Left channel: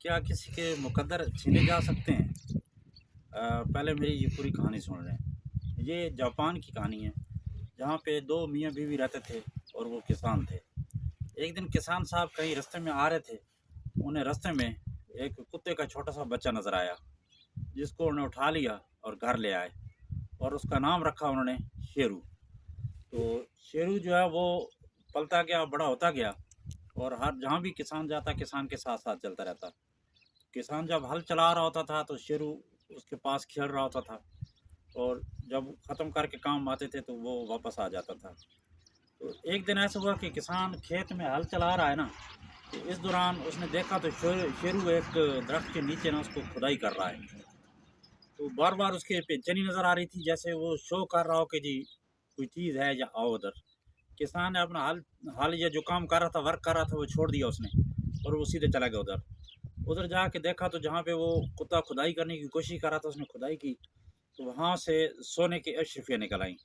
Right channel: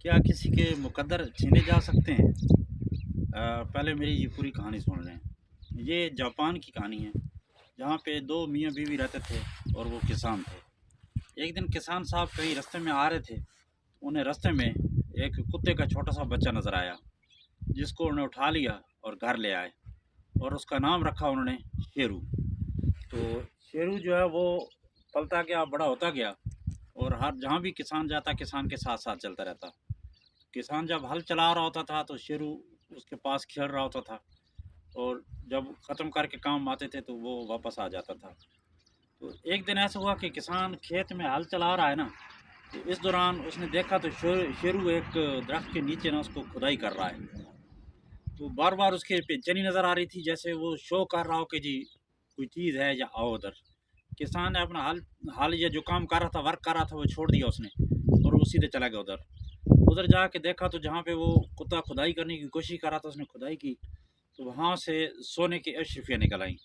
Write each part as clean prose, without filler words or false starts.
क्या किसी के मुकद्दर छीने जा सकते हैं? पहले मेरी ये पूरी कहानी सुन लें। ये जापान की कहानी है, जहाँ पे 2 मियाँ-बीवी रहते थे और वो किसान थे। एक दिन किसान साहब कहीं रास्ते में आ रहे थे, उन्हें रास्ते में एक कुत्ते का छोटा-सा बच्चा नज़र आया, जिसको उन्होंने उठा लिया और घर ले आए और उसका नाम रखा उन्होंने शेरू। तो शेरू जो है वो पलता गया, बड़ा होता गया और हर जहाँ भी किसान जाता, किसान के साथ-साथ चलता रहता। किसान जब हल चला रहा होता था तो शेरू उसके पास खेल रहा होता था और जब ख़त्म करके काम आते थे तो वो वापस आ जाता था। तो एक दिन ऐसा हुआ कि किसान खेत में हल चला रहा है ना, तो इस दौरान उसने देखा तो शेरू एक दरख्त के नीचे ना उसको खुदाई कर रहा है। तो बार बार उसके बेचैनी नज़र आ रही थी, जैसे वो शो कर रहा हो कि जी कोई चीज़ है या आओ उधर। किसान ने अपना हल हल या जो काम कर रहा था, वर्क कर रहा था, वो छोड़ दिया उसने और वो सीधे चला गया उधर। उधर जाके देखा तो जहाँ पे वो कुत्ता खुदाई करने की कोशिश कर रहा था, उसने खुदाई की, तो वहाँ से सोने की अशरफियाँ निकल आईं।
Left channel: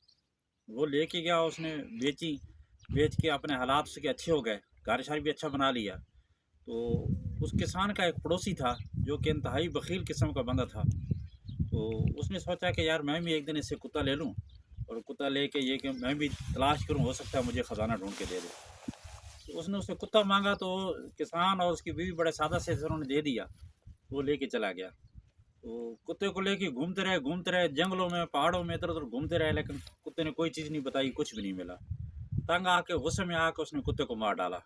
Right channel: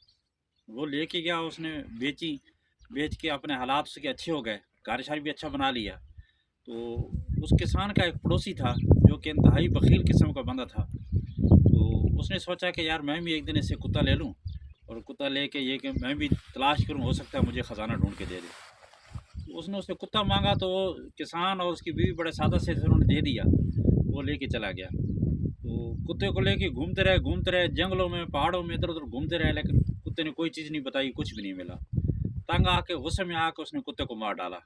वो लेके गया, उसने बेची, बेच के अपने हालात उसके अच्छे हो गए, घर-शर भी अच्छा बना लिया। तो उस किसान का एक पड़ोसी था, जो कि इंतहाई बख़ील किस्म का बंदा था। तो उसने सोचा कि यार मैं भी एक दिन इससे कुत्ता ले लूँ और कुत्ता लेके ये कि मैं भी तलाश करूँ, हो सकता है मुझे ख़ज़ाना ढूँढ के दे दे। तो उसने उससे कुत्ता माँगा तो किसान और उसकी बीवी बड़े सादा से उन्होंने दे दिया। वो लेके चला गया। तो कुत्ते को लेके घूमते रहे जंगलों में, पहाड़ों में, इधर-उधर घूमते रहे, लेकिन कुत्ते ने कोई चीज़ नहीं बताई, कुछ भी नहीं मिला। तंग आके, गुस्से में आके उसने कुत्ते को मार डाला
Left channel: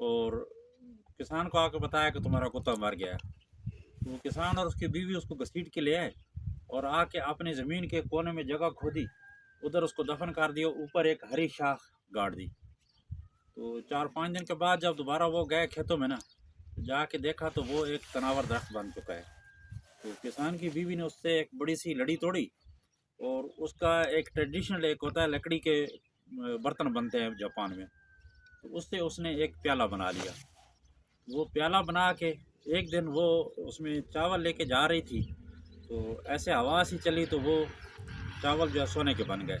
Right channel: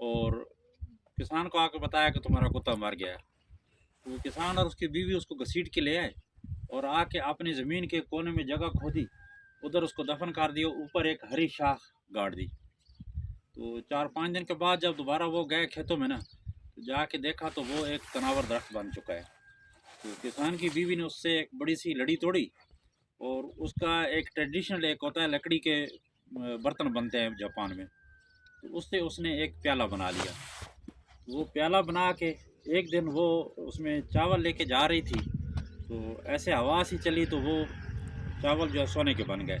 और किसान को आके बताया कि तुम्हारा कुत्ता मर गया है। तो वो किसान और उसकी बीवी उसको घसीट के ले आए और आके अपनी ज़मीन के कोने में जगह खोदी, उधर उसको दफ़न कर दिया, ऊपर एक हरी शाख गाड़ दी। तो 4-5 दिन के बाद जब दोबारा वो गए खेतों में ना, तो जाके देखा तो वो एक तनावर दरख्त बन चुका है। तो किसान की बीवी ने उससे एक बड़ी-सी लड़ी तोड़ी और उसका एक ट्रेडिशनल एक होता है, लकड़ी के बर्तन बनते हैं जापान में, तो उससे उसने एक प्याला बना लिया। वो प्याला बना के एक दिन वो उसमें चावल लेके जा रही थी, तो ऐसे हवा सी चली तो वो चावल जो है सोने के बन गए।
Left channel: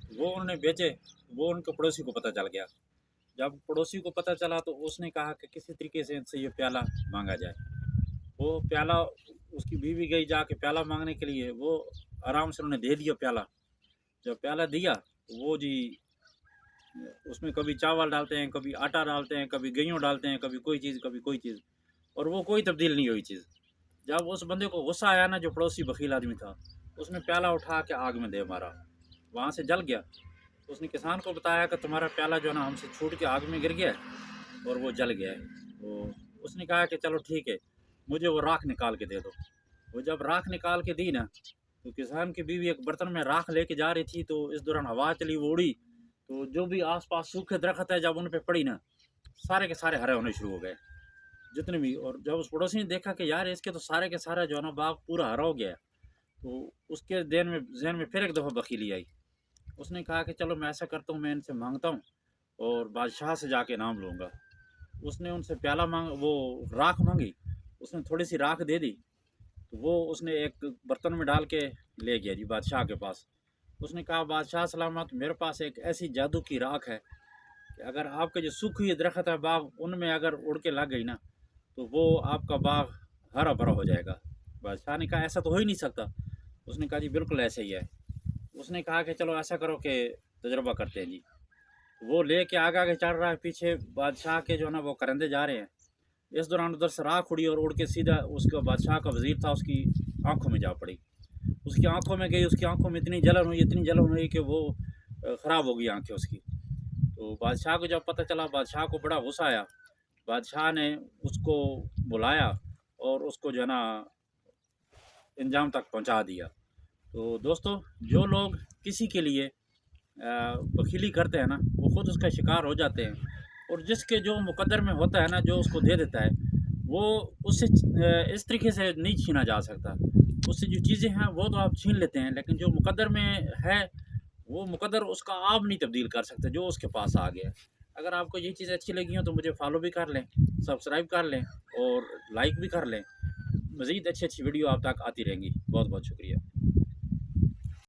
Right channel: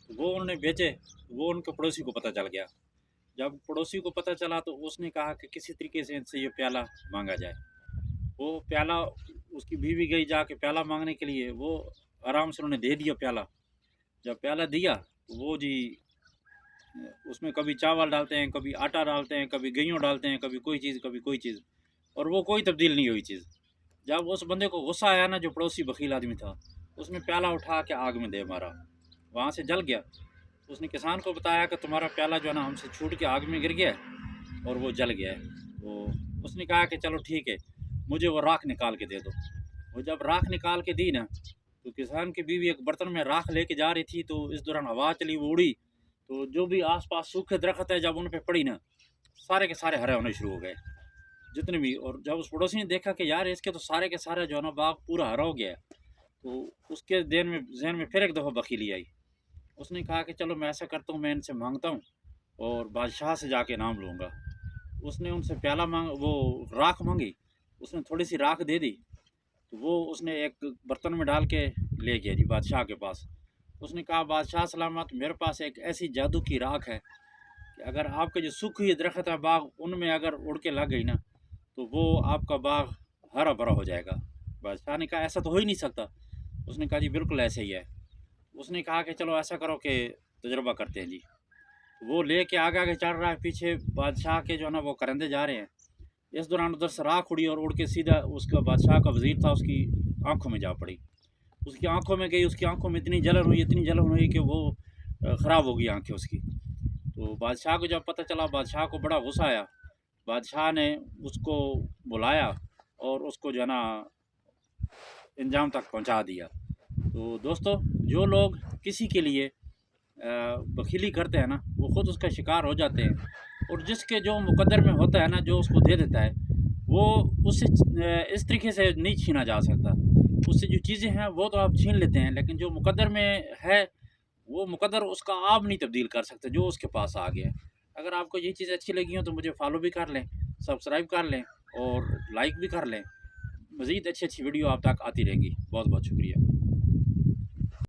तो वो उन्होंने बेचे, वो उनके पड़ोसी को पता चल गया। जब पड़ोसी को पता चला तो उसने कहा कि किसी तरीके से इनसे ये प्याला माँगा जाए। वो प्याला, उसकी बीवी गई जाके प्याला माँगने के लिए, वो आराम से उन्होंने दे दिया प्याला। जब प्याला दिया तो वो जी उसमें कभी चावल डालते हैं, कभी आटा डालते हैं, कभी गेहूँ डालते हैं, कभी कोई चीज़, कभी कोई चीज़, और वो कोई तब्दील नहीं हुई चीज़। जब उस बंदे को गुस्सा आया ना, जो पड़ोसी बख़ील आदमी था, उसने प्याला उठा के आग में दे मारा, वहाँ से जल गया। उसने किसान को बताया कि तुम्हारा प्याला जो है ना हमसे छूट के आग में गिर गया है और वो जल गया है। तो उसने कहा कि चलो ठीक है, मुझे वो राख निकाल के दे दो। वो जब राख निकाल के दी ना, तो किसान की बीवी एक बर्तन में राख लेके जा रही थी, तो इस दौरान हवा चली, वो उड़ी, तो जो भी आस-पास सूखे दरख़्त है जब उन पे पड़ी ना, सारे के सारे हरे होने शुरू हो गए, जितने भी। और जब उस पड़ोसी ने देखा कि यार इसके तो सारे के सारे जो है ना बाग पूरा हरा हो गया है, तो उसके ज़हन में फिर एक दफ़ा बख़ीली आई। उसने कहा कि चलो मैं ऐसा करता हूँ, मैं इनसे माँगता हूँ और बादशाह से जाके इनाम लूँगा। उसने उनसे प्याला माँग वो राख माँगी, उसने थोड़ी-सी राख दे दी, तो वो उसने एक बर्तन में डाल के ले गया जी बादशाह के पास। उसने कहा बादशाह सलामत, मेरे पास एक ऐसी जादू की राख है कि अगर आपके जो सूखी हुई दरख़्त है बाग, उनमें अगर उड़ के लग गई ना, तो वो आपका बाग हरा-भरा हो जाएगा। बादशाह ने कहा ऐसा तो हो ही नहीं सकता। उसने कहा जी बिल्कुल ऐसा ही है। उसने कहा कि चलो ऐसा करो कि तजुर्बा करते हैं जी। वो लेके आगे-आगे चल रहा है, पीछे बादशाह के जो है ना वो करंदे जा रहे हैं। इस दौरान उधर से राख उड़ी और उड़ के सीधा उसका बादशाह का वज़ीर था, उसकी आँखों में जा पड़ी। उसकी आँखों में गई, उसकी आँखों में इतनी जलन हुई कि वो ख़राब हो गई आँखें उसकी। तो बादशाह को जब पता चला, बादशाह को बड़ा गुस्सा आया। बादशाह ने उसको बुलाया और उसको जो है ना इंजाम तक पहुँचा दिया। तो दोस्तों, जो लोग किसी के लिए बख़ीली करते हैं ना, वो ख़ुद उसका शिकार हो जाते हैं और जिसके जो मुक़द्दर में होता है ना, जो उसको दे देता है, वो उससे इस तरीके से नहीं छीना जा सकता। उससे जो चीज़ें हैं वो तो आप छीन लेते हैं, लेकिन जो मुक़द्दर में है, वो मुक़द्दर उसका आप नहीं तब्दील कर सकते, जो उसके पास आ गया है। अगर आपको ये चीज़ें अच्छी लगी हों तो मुझे फ़ॉलो भी कर लें, सब्सक्राइब कर लें और लाइक भी कर लें। मज़ीद अच्छी-अच्छी वीडियो आप तक आती रहेंगी। बहुत-बहुत शुक्रिया।